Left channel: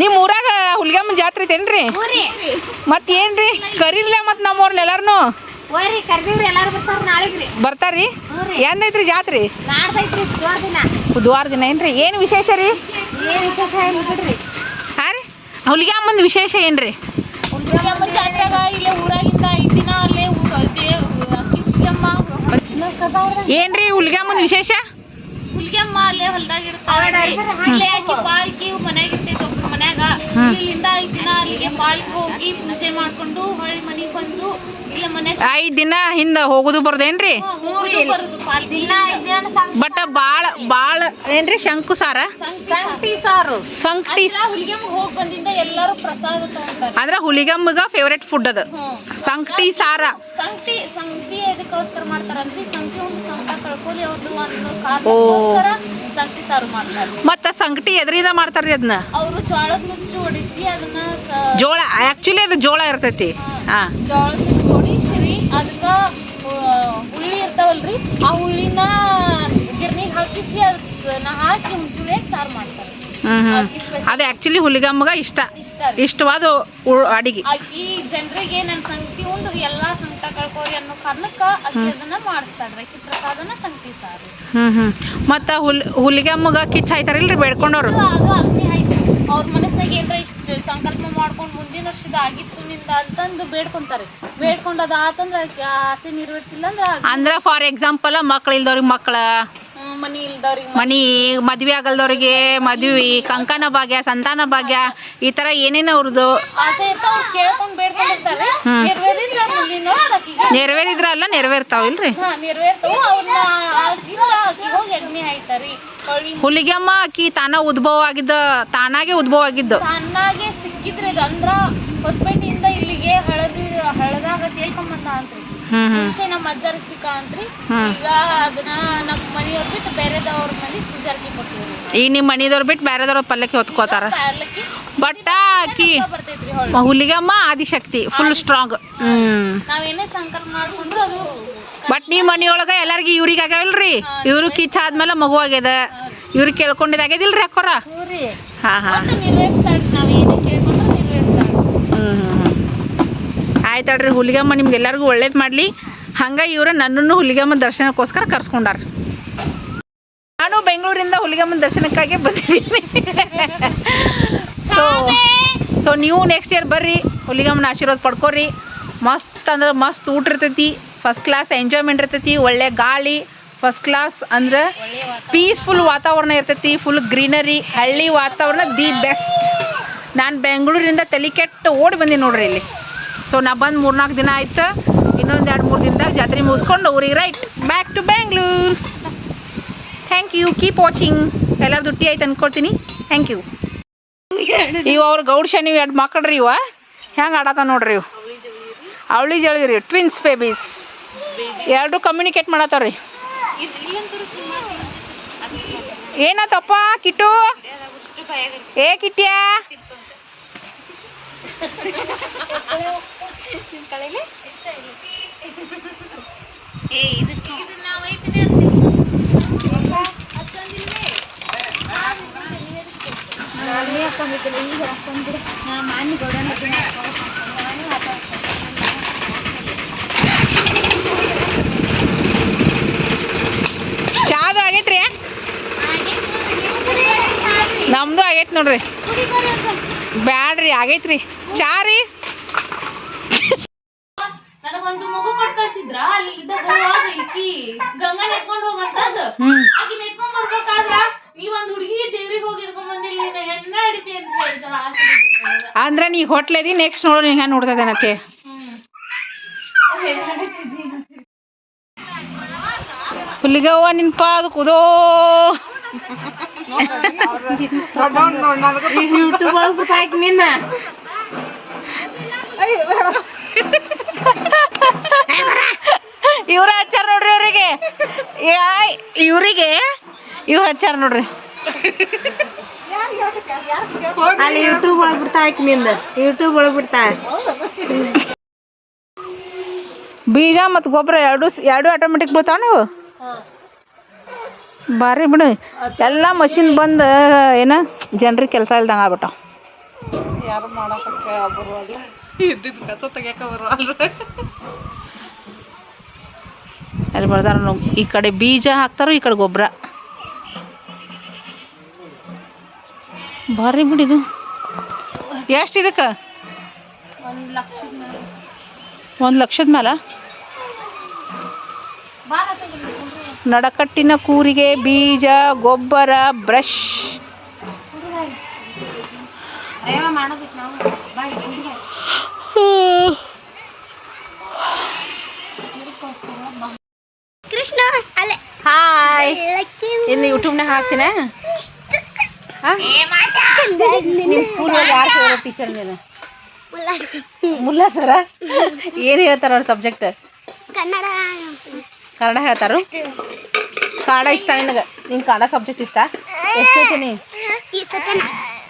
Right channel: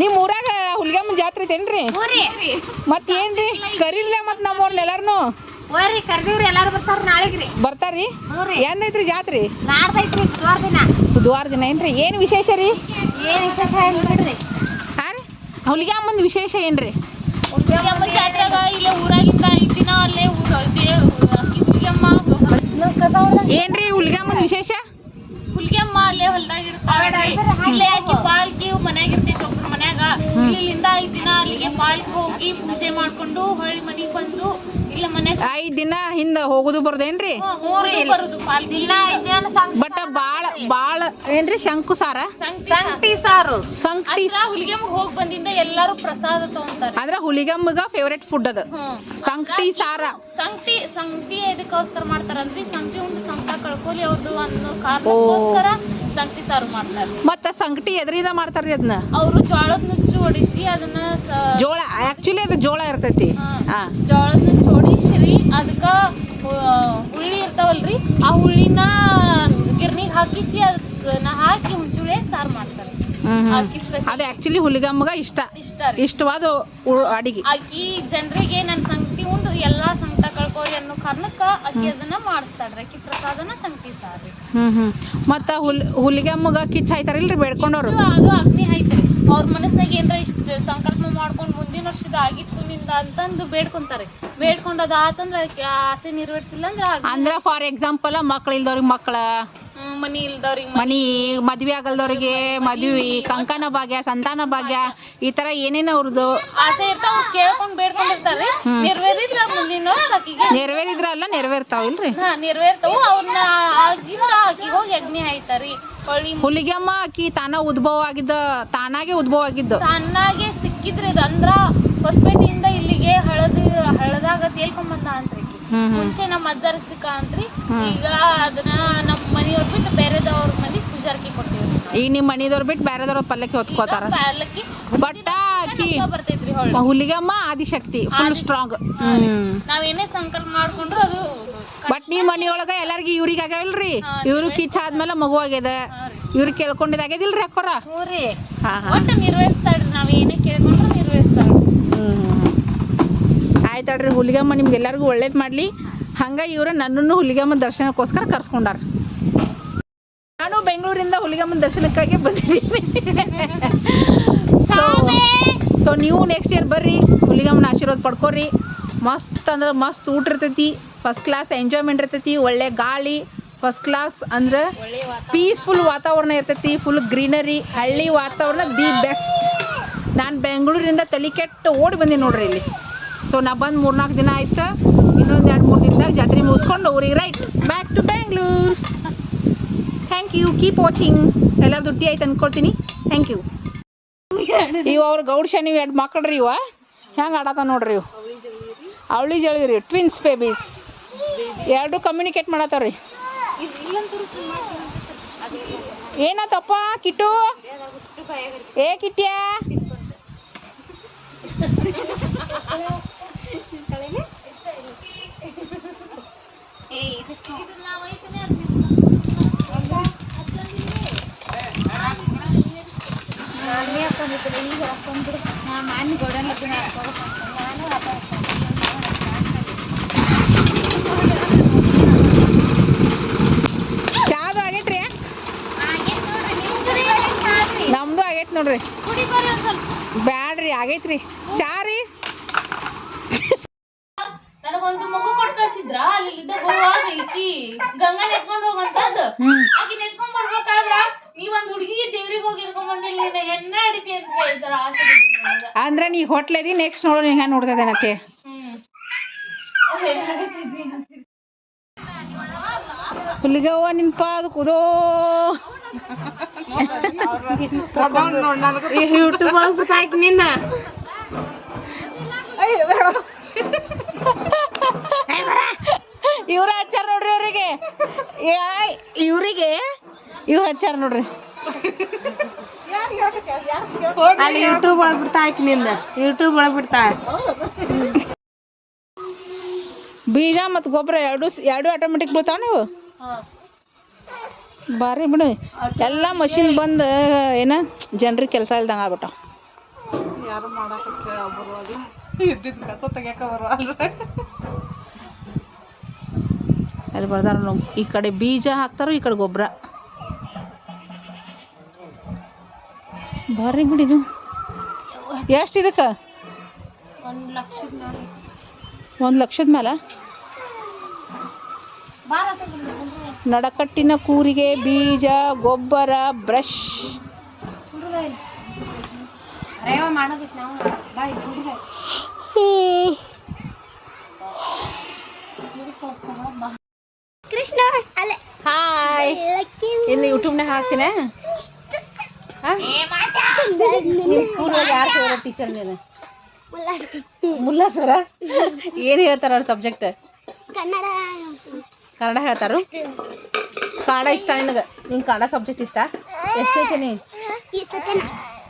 ನಿಮ್ಮ ಊರಾಗ ಹುಲಿಗೆಮ್ಮ ಜಾತ್ರೆ ಐತೇನ್ರಿ ಮತ್ತೇನ್ರಿ ಕರೀರ್ಲ ಮತ್ತು ನಮ್ಮವ್ರನ್ನ ಎಲ್ಲಾರನು ಬರ್ತಾರ್ರಿ ಎಂದೈತ್ರಿ ಜಾತ್ರೆ ಬುಧವಾರ ದಿನ ಏನ್ರಿ ಏನು ವಿಶೇಷ ರೀ ಹಾಂ ರೀ ಹುಲಿಗೆಮ್ಮನ ವಿಶೇಷ ಏನ್ರಿ ಜಾತ್ರೆಗ ಇಲ್ಲೇ ಊರಾಗಿಂದ 5 ದಿನ ಅಲ್ಲೇ ಅಕ್ಕಿ ಹುಲಿಗೆಮ್ಮ ಏನ್ರಿ ಹುಲಿಗೆಮ್ಮನ ವಿಶೇಷ ಹುಲಿಗೆಮ್ಮ ಅಲ್ಲೇ ಹೊಲ್ದಾಗ ಇರ್ತಾಳೆ ಇಲ್ಲೇ ಆಕಿ ಪಾಲ್ಕಿ ಮನ್ಯಾಗ ಇರ್ತೈತಿ ಒಬ್ರ ಮನ್ಯಾಗ ಇಲ್ಲಿಂದ 5 ದಿನ ಅಲ್ಲಿಗೆ ಪಾಲ್ಕಿ ಹೋಗಿ ಪೂಜೆ ಮಾಡ್ಕೊಂಡು ಹೊಳ್ಳಿ ಮನಿಗ್ ಬಂದು ಇಲ್ಲ ಮನ್ಯಾಗ 5 ದಿನ ಹಿಂದ ಹೋಗುದು ಬರೋದೇನ್ರಿ ಬರುದು ಪಾಲ್ಕಿ ಬಟ್ ಬಾಳ ಏನ್ರಿ ಶಂಕು ಸಾರ ಸಂಕಟಿ ಸಾರು ಸಂಕಟಿ ಹುಲಿಗೆಮ್ಮ ಹೋಗಿ ಬಂದಿಂದ ಎಲ್ಲಾರು ಪ್ರಸಾದ ತಗೊಂತಾರೆ ಅಂದ್ರ ಹುಲಿಗೆಮ್ಮಗ ಫೇವರೇಟ್ ಫುಡ್ ಅದ ಸಂಕಟಿ ಸಾರ ಸಂಕಟಿ ಎದಕ್ಕೋಸ್ಕರ ಮಾಡ್ತಾರಂದ್ರೆ ಸಂಕಟಿ ಒಂದು ಸಂಕಟ ಕಳ್ಕೊಳ್ಳಿ ಅವ್ರದ್ದು ಅನ್ನೋ ಕಾರಣಕ್ಕೋಸ್ಕರ ಸಂಕಟಿ ಸಾರು ಮಾಡ್ತಾರೆ ಮತ್ತ ಸಂಕಟಿ ಎದ್ರಿಂದ ಮಾಡ್ತಾರ್ರಿ ಅದನ್ನ ಅವರು ಜೋಳದ ನುಚ್ಚು ಹೊಡಿಸಿ ಅದನ್ನ ಜೋಳ ಆಕ್ಚುಲಿ ಅದು ಜೋಳ ಇರ್ತೈತಿ ಜೋಳದ ನುಚ್ಚು ಹೊಡಿಸಿರಿ ಅದಕ್ಕ ಹುಳ್ಳಿ ಇರ್ತಾವಲ್ರಿ ಆ ಹುಳ್ಳಿನ ಗಿರ್ನಿಗೆ ಹಾಕಿಸಿ ಅದನ್ನ ಹಾಕಿ ಹುಂಚುಳಿ ಸಾರು ಮಾಡ್ತಾರೆ ಅದು ಆಕ್ಚುಲಿ ಹುಲಿಗಮ್ಮಗ ಇಷ್ಟವಾದ ಅಡಿಗೆ ಈ ಜನರಿಗೆ ನನ್ನ ಸಂಗತಿ ಒಂದು ಎಲ್ಲಾ ಸಂಕಟ ಕಳ್ಕೋರಿ ಅನ್ನೋ ಕಾರಣಕ್ಕ ಅಕ್ಕಿ ಅದನ್ನ ಮಾಡಿಸ್ತಾಳ್ರಿ ಅಕ್ಕಿ ಪ್ರಸಾದನ ಸಂಗತಿ ಸಾರಿ ಮತ್ತ ಹುಲಿಗಮ್ಮಗ ಕಿಚ್ಚ ಹಾಯ್ತಾರಿಲ್ರಿ ಬೇಡ್ಕೊಂಡವ್ರು ಅದು ಅಗ್ನಿ ಐತ್ರಿ ಅವ್ರ ಮನಸ್ನಾಗ ಏನ್ರ ಇಷ್ಟ ಸಂಕಲ್ಪ ಮಾಡ್ಕೊಂಡು ಮುಂದಿನ ವರ್ಷದ ಆಗಿತ್ತು ನಿಂದ ಅಂತಂದು ಬೇಡ್ಕೊಂತಾರೆ ಬೇಡ್ಕೊಂಡದ ಆತಂದ್ರ ಆಸೆ ನೆರವೇರ್ಸಿಲ್ಲ ಅಂದ್ರ ಫಾರ್ ಎಕ್ಸಾಂಪಲ್ ಮಕ್ಳು ಇಲ್ದವ್ರಿಗೆ ಮಕ್ಳ ಮನಿ ಇಲ್ದವ್ರಿಗೆ ಮನಿ ಮದ್ವೆ ಆಗಲ್ದವ್ರಿಗೆ ಮದ್ವಿ ಕಂಕನ ಭಾಗ್ಯ ಸಂತಾನ ಭಾಗ್ಯ ಈ ತರ ಏನೇನ ಅವ್ರದ್ದು ಆಸೆ ಇರ್ತಾವ ಕೇಳ್ಕೊಂಡ್ ಬೇಡ್ಕೊಂಡಿರ್ತಾರ್ರಿ ನೆರವೇರಿದ್ರ ಮುಂದಿನ ನೆರವೇರಿದ್ರ ಅಲ್ಲ ನೆರವೇರ್ತಾವಿಲ್ರಿ ನೆರವೇರ್ತಾವು ಅವ್ರನ್ನ ಆಕಿ ಹೋಗಿ ಅಗ್ನಿ ಹಾಯ್ತಾರಿ ಹುಲಿಗೆಮ್ಮ ಆಕಿ ತಾನಾಗೆ ಉದ್ಭವ ಆಗಿದ್ದು ತಾನಾಗೆ ಸಿಕ್ಕಿದ್ರಿ ಇದು ಅಂದ್ರ ಹೊಸಪೇಟೆಯಿಂದ ಇಲ್ಲಿಗೆ ಹಳದಾಗ ತೇಳ್ಕೊಂಬಂದ ಅಂತ್ರಿ ಮುಂಚೆ ನಮ್ಮ ಅಜ್ಜರಿಗೆ ಸಿಕ್ಕ ಅಂತ್ರಿ ಈಗ ಅದನ್ನ ನಮ್ಮ ಮನೆಯವ್ರ ಬಿಟ್ಟು ಬೇರೆದವ್ರ ಮನೆ ಪೂಜಾರ್ಕಿ ಕೊಟ್ಟಿವಿ ಈಗ ನಿಮ್ಮ ಮನೆಯವ್ರ ಬಿಟ್ಟು ಬೇರೆದವ್ರ ಪಲ್ಲಕ್ಕಿ ಹೊತ್ಕೋತಾರ ಬಟ್ ಆಕಿ ಹುಲಿಗೆಮ್ಮ ಆದಿಶಕ್ತಿ ಫುಲ್ ಸ್ಟ್ರಾಂಗ್ ನಾವೇನೇ ಸಂಕಲ್ಪ ಮಾಡ್ಕೊಂಡ್ರು ಅದು ಬಟ್ ನೀವ್ ಮನಿಯೊಳಗ ಎಲ್ಲಾರ್ಗಿ ಇವ್ರಿಗೆ ಆಗ್ಯಾವಲ್ರಿ ಇವ್ರು ಕಿಚ್ಚ ಆದ್ಮೇಲೆ ಮಗು ಆಗ್ಯದ ಇವ್ರು ಕೇಳ್ಕೊಂಡಿದ್ ಆಗ್ಯದಿಲ್ರಿ ಅಕ್ಕೋರ ನಿರ್ವಹಿಸ್ತಾಳ್ರಿ ನಾವ್ ಏನೇ ಕೇಳ್ಕೊಂಡ್ರು ನಿರ್ವಹಿಸ್ತಾಳ್ರಿ ಆಯ್ತಾಳ್ರಿ ಹುಲಿಗೆಮ್ಮ ನಿಮ್ಗೆಲ್ಲರಿಗೂ ಒಳ್ಳೇದು ಮಾಡಲಿ ಹಂಗ ಇವ್ರು ನನ್ನನ್ನು ಹುಲಿಗೆಮ್ಮ ದರ್ಶನಕ್ಕೋಸ್ಕರ ಕರ್ಸ್ಕೊಂಡಾರ ನಾನು ಬೆಂಗಳೂರಿಂದ ಹುಲಿಗೆಮ್ಮನ ದರ್ಶನಕ್ಕಾಗಿ ಬಂದಿದ್ದೀನಿ ಸೊ ನೀವು ನೆಕ್ಸ್ಟ್ ಇಯರ್ ಬರ್ರಿ ಹುಲಿಗೆಮ್ಮನ ಆಶೀರ್ವಾದ ಪಡ್ಕೋರಿ ಮಸ್ತ್ ಅಂದ್ರೆ ಮಸ್ತ್ ಊಟ ಇರ್ತೈತಿ ಫಸ್ಟ್ ಕ್ಲಾಸ್ ಎಂಜಾಯ್ಮೆಂಟ್ ಇರ್ತೈತಿ ಒಳ್ಳೆ ಗಾಳಿ ಫಸ್ಟ್ ಕ್ಲಾಸ್ ಅಂದ್ರೆ ಪೀಸ್ಫುಲ್ ವಾತಾವರಣ ಇರ್ತೈತಿ ಫುಲ್ ಗ್ರೀನರಿ ಹಳ್ಳಿ ವಾತಾವರಣ ದಿ ಬೆಸ್ಟ್ ನಾನು ಬೆಂಗಳೂರಿಂದ ತಲೆ ಕೆಟ್ಟು ಓಡಿ ಬಂದೀನಿ ನೋಡ್ರಿ ಇಲ್ಲಿ ಸೊ ನಾ ಬಂದು 3-4 ದಿನ ಆಯ್ತು ಇನ್ನೊಂದು 2-3 ದಿನದಾಗ ಜಾತ್ರೆ ಮುಗಿಸ್ಕೊಂಡು ಊರಿಗೆ right back to Bengaluru thank you keep watching ಎಲ್ಲರೂ ದುಡ್ಡಿ ಆಯ್ತು ಅಂದ್ಕೊಳ್ತೀನಿ ಥ್ಯಾಂಕ್ ಯು ಇವು ಅವ್ರು ಗೌಡ್ ಶನಿ 2 ಮಕ್ಕಳ್ರಿ ಇವ ಹೆಂಗೆ ಆಡತ್ತ ನೋಡ್ರಿ ಇವು ಅವಳಿ ಜಳಿ ರೀ ಟ್ವಿನ್ಸ್ ಬೇಬೀಸ್ 2 ಕಮ್ಯುನಿಕೇಟ್ ಮಾಡತ್ತವ್ರಿ ಏನಾತಪ್ಪ ಕಿಟ್ಟು ಏ ಕಿಟ್ಟ್ಯಾ ಚಾದು ಆಗೈತ್ರಿ ನಮ್ದು ಆಗೈತ್ ನೋಡ್ರಿ ಬ್ಯಾಡ್ರಿ ಆಗೈತ್ರಿ ಚಾ ರೀ ನನಗೊಂದು ಮಗು ಕೊಟ್ಟು ಕಳ್ಸಿದ್ರ ಅಲ್ಲಿ ಬರುವಾಗ ಈಕಿ ಗಂಗಾ ನೆತ್ಕೊಂಡು ಹೋಗಂತದ್ದು ಆಕಿ ನೆತ್ಕೊಂಡ್ ಬರ್ಬೇಕಾದ್ರ ನೀವೊಂದ್ ಹುಡುಗಿ ದೇವ್ರಿಗೆ ಹೋಗಿ ಎತ್ಕೊಂಡ್ ಬಂದಿಲ್ಲ ಹೆಣ್ಣ ಹಿಡಿತಿ ಅಂತ ಹೇಳ್ತಾರ ಆಸೆ ಅಂದ್ರೆ ನೀ ಹೊಟ್ಲೆದಿ ನೆಕ್ಸ್ಟ್ ನೋಡು ನೀ ಹೆಂಗ್ ನೋಡ್ತದೇನತ್ತೆ ಹುಲಿಗವ್ವ ನಿನ್ಪ ಅದು ಕುದೋ ಯೂಟ್ಯೂಬ್ ಒಳಗ್ ಬಿಟ್ಟಾಕಿ ನಿನ್ನ ಇವ್ರ ಹಚ್ಚಾರ ನೋಡ್ರಿ ಇವ್ರು ಹಚ್ಚಾರ ನೋಡ್ರಿ ಅಲ್ಲಿ ಯೂಟ್ಯೂಬ್ ಒಳಗ್ ಬಿಡ್ತಾಳ ನಿಂದ ಯೂಟ್ಯೂಬ್ ಒಳಗ್ ಬಿಡ್ತಾಳ ಬೀಜ ಮತ್ತು ಗೊಬ್ಬರ ಎರಡು ಆಟೋಮೆಟಿಕ್ ಬೀಳ್ತಾವ ನೀವು ಬಾರಿ ಬಿಡು ಎಲ್ಲ ಮಷಿನ್ ಬಂದು ಏನ ಜನರಿಗೆ ಕೆಲಸ ಇಲ್ದಂಗೆ ಆಗ್ಬಿಟ್ಟಾವ ಯಾರು ಮಾಡಕ್ಕೆ ಬರುವಲ್ಲ ಇದ್ದಿದ್ದು ಕಸ ತೆಗಿಯಕ್ಕೆ ಬರುವಲ್ಲ ಅಲ್ಲಿ ಬರ್ದಾರ ಈ ಕಡೆ ಬೀಜ ಹಾಕ್ತಾರೋ ಈ ಕಡೆ ಗೊಬ್ಬರ ಭಾರಿ ಬಿಡಿದು ಎಷ್ಟು ಇದಕ್ಕೆ 1,00,000 ಮೇಲೆ ನಡಕಟ್ಟಿನ ಕೂರಿಗೆ ಬೀಜ ಗೊಬ್ಬರ ಬ್ರಷ್ ಕೃಷ್ಣ ಅಲ್ಲೇ ಹಾಯ್ ಇನ್ನು ಯೂಟ್ಯೂಬ್ನಾಗ ಹಾಕ್ತೀನ ನಿಮ್ಮ ಸ್ಕೂಲಲ್ಲಿ ಯಾರು ಫೇವ್ರೆಟ್ ಟೀಚರ್ ನೀನು ಮುಲ್ಲಾ ಸರ ಏನು ಹೇಳ್ತಾರ ಅವ್ರ ಸಬ್ಜೆಕ್ಟ್ ಕನ್ನಡ ಹೇಳ್ತಾರು ಕನ್ನಡ ಇಷ್ಟ ನಿನಗೆ ನಿಂಗೆ ಕನ್ನಡ ಸಬ್ಜೆಕ್ಟ್ ಇಷ್ಟ ಎಷ್ಟೈತೆ ನೀ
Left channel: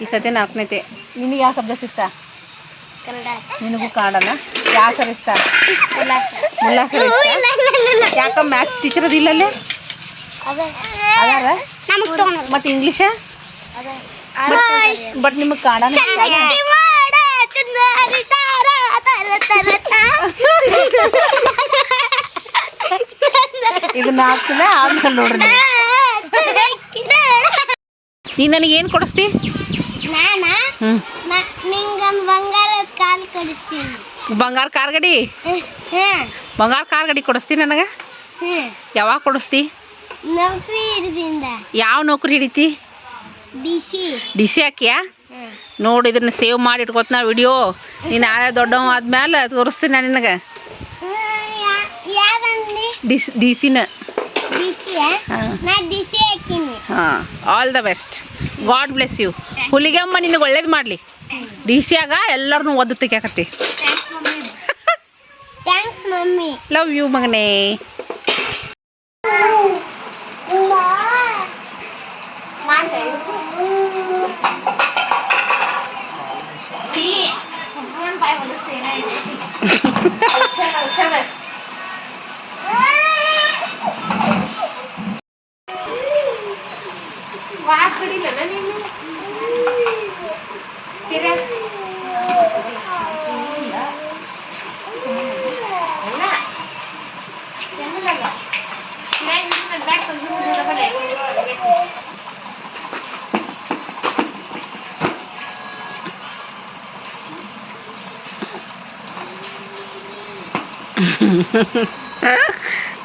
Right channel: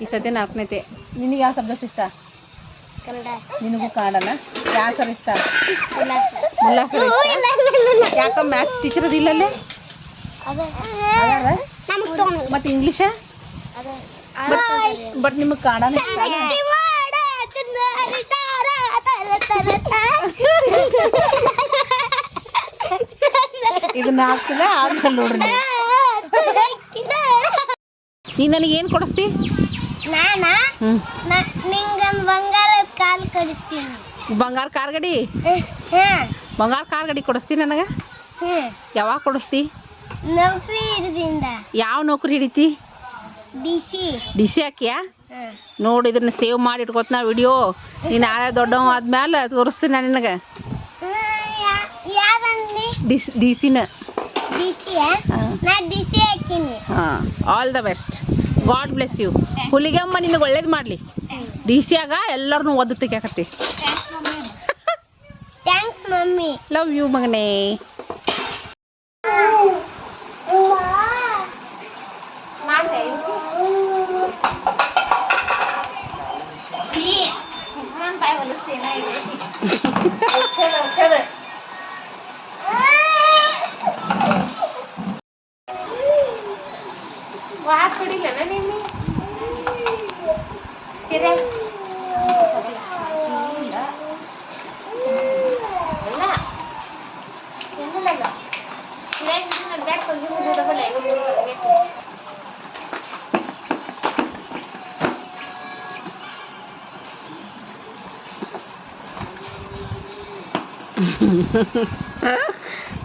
ಈ ಸತಿ 4ನೇತೆ ನಿನಗೆ ಯಾವ ಸಬ್ಜೆಕ್ಟ್ ಇಷ್ಟ ನಿನಗೂ ಕನ್ನಡನ ಯಾವ ಸರ್ ಇಷ್ಟ ಮುಲ್ಲಾ ಸರ್ ಇಷ್ಟ ಯಾಕೆ ಮ್ಯಾಥ್ಸ್ ಟೀಚರ್ ಅದಿಲ್ಲಲ್ಲೇ ಅದಾರ ಮತ್ತು ಇಂಗ್ಲೀಷ ಬಟ್ ನಿಮಗೆ ಕನ್ನಡ ಇದನ್ನ ಹಾಕ್ತಿಲ್ಲ ಆಮೇಲೆ ನೋಡ್ರಿ ನೀ ನನಗೆ ಏನು ಕೊಡಿಸ್ತಿ ಬಂಗಾರ ಕಾಲ್ ಕಡಿಸ್ತೀನಿ ಬಂಗಾರ ಕಾರ್ ಗಾಡಿ ಬಂಗಾರ ಕಾರ್ ಗಾಡಿ ಕೊಡಿಸ್ತಿ ನನಗೆ ಯಾವಾಗ ಕೊಡಿಸ್ತಿ ನೌಕರಿ ಹಿಡಿದಿಂದ ಯಾವ ನೌಕರಿ ಹಿಡಿತಿ ಡಿ ಸಿ ಹಾಕಿಯಾ ನೋಡಿ ಇದನ್ನ ಸೇವ್ ಮಾಡಿ ಇಟ್ಕೋತ ವಿಡಿಯೋ ನೀನು ನಾಳೆ ದೊಡ್ಡವ ಆದ್ಮೇಲೆ ತೋರಿಸ್ತೀನಿ ನಾನು ನಿನಗೆ ಡಿ ಸಿನ ಹಾಂ all the best God bless you Huligemma ನಿನಗೆ ಒಳ್ಳೇದು ಮಾಡಲಿ ಡಿ ಸಿ ಆಗ ಎಲ್ಲರನ್ನೂ ಒದ್ದು ತೆಗಿಯಾಕತ್ತಿ ಲವ್ ಯು ಮಗನೇ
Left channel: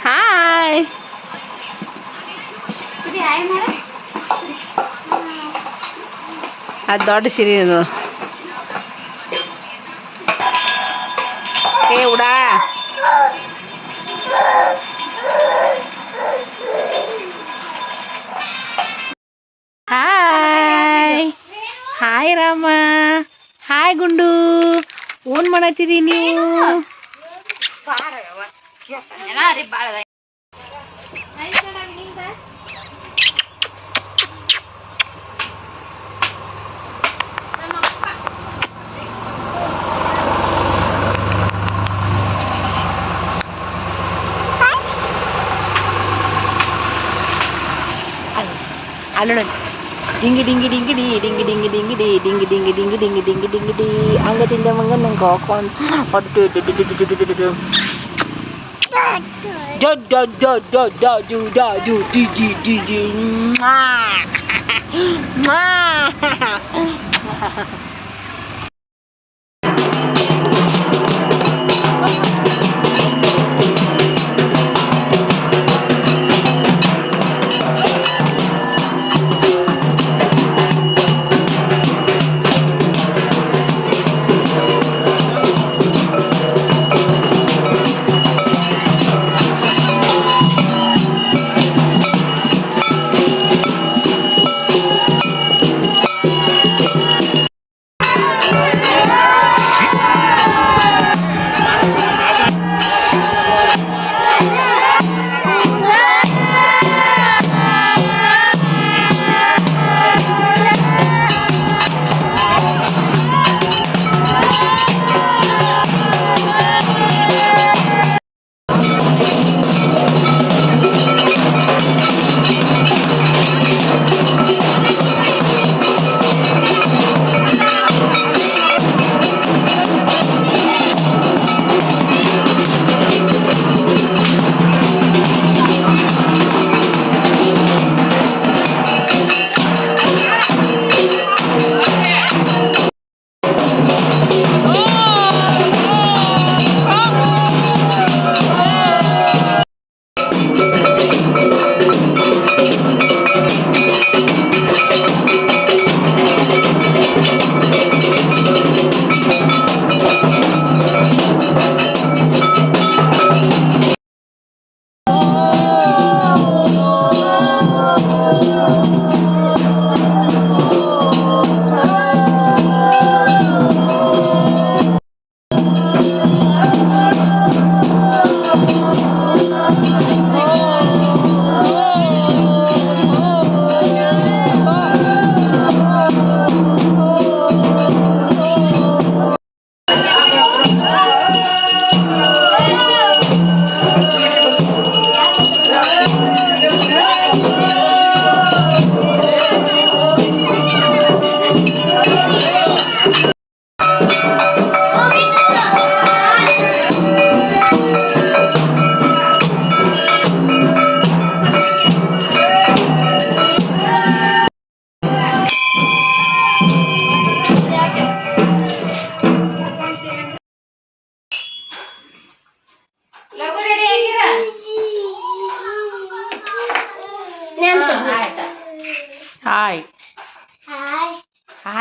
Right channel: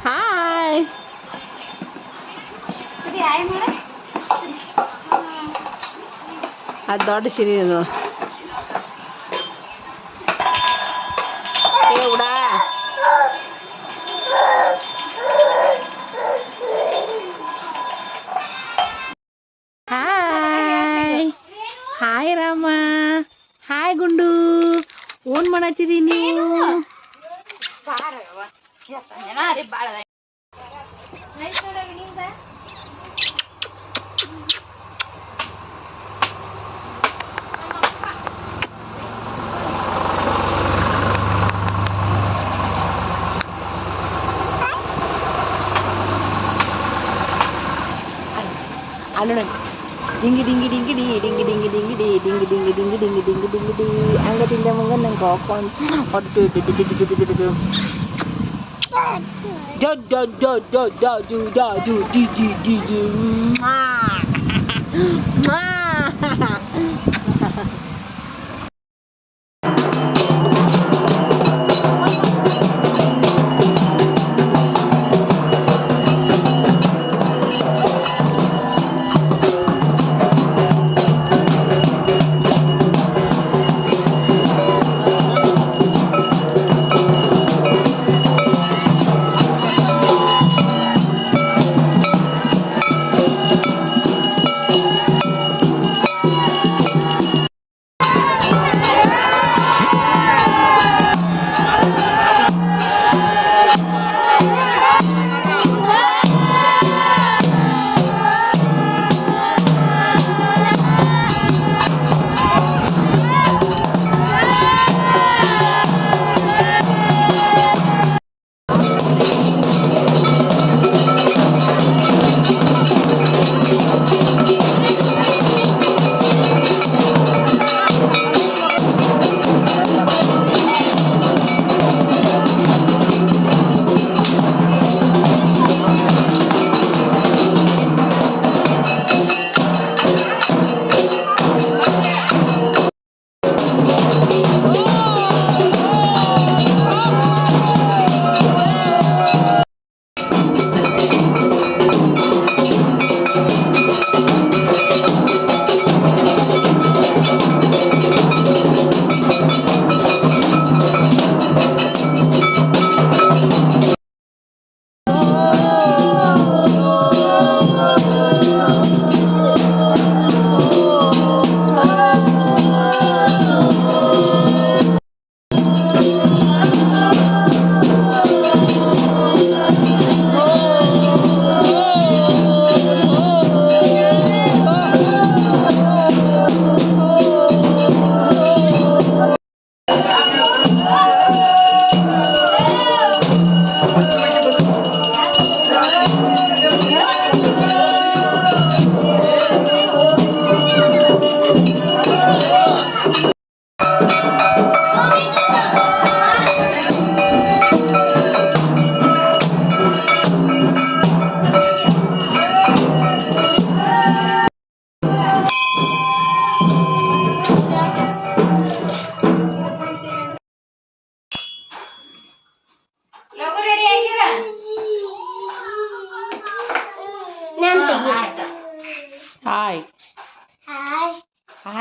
ಹಾಯ್ ಅದು ದೊಡ್ಡ ಸಿರಿ ಅದು ಏ ಉಡಾ hi hi Rama hi Gundu ಏನ್ ಮಾಡತ್ತೀರಿ ನೀವು ಅಲ್ಲೋಣ ಡಿಂಗಿ ಡಿಂಗಿ ಡಿಂಗಿ ಡಿ ಡಿಂಗಿ ಡಿಂಗಿ ಡಿಂಗಿ ಡಿ ಡಿಂಗಿ ಡಿಂಗಿ ಡಿಂಗಿ ಡಿಂಗಿ ಡಿಂಗಿ ಡಿಂಗಿ ಡಿ ಅಂಗದಿಂದ ಮಂಗ ನಂಗೆ ಹಾಕೊಂಡು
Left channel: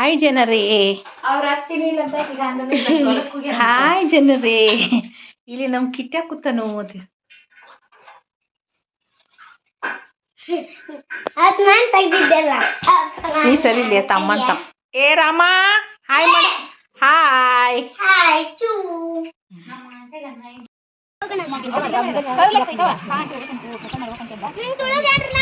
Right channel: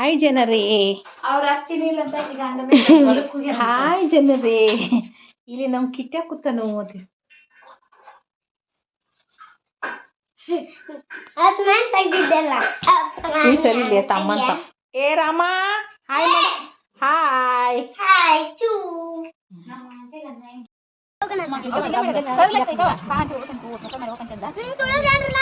ಹಾಯ್ ಜನರೇ, ಅವ್ರ ಆಗ್ತೀನಿ ಇಲ್ಲ ಅಂತ ಈಗ ಹಾಯ್ ಜನರೇ, ಇಲ್ಲಿ ನಮ್ಮ ಕಿಟ್ಟ ಕೂತನು. ಅದ್ ನಾನ್ ತೆಗ್ದಿದ್ದೆಲ್ಲ. ನೀ ಸರಿ ಇಲ್ಲಿ ತಮ್ಮನ್ ತಮ್ಮ. ಏ ರಾಮ, ಹಾಯ್ ಮಾಡು. ಹಾಯ್. ಹಾಯ್ ಚೂ. ನಿಂಗ್ ತುಳಜಾಡ್ರಿ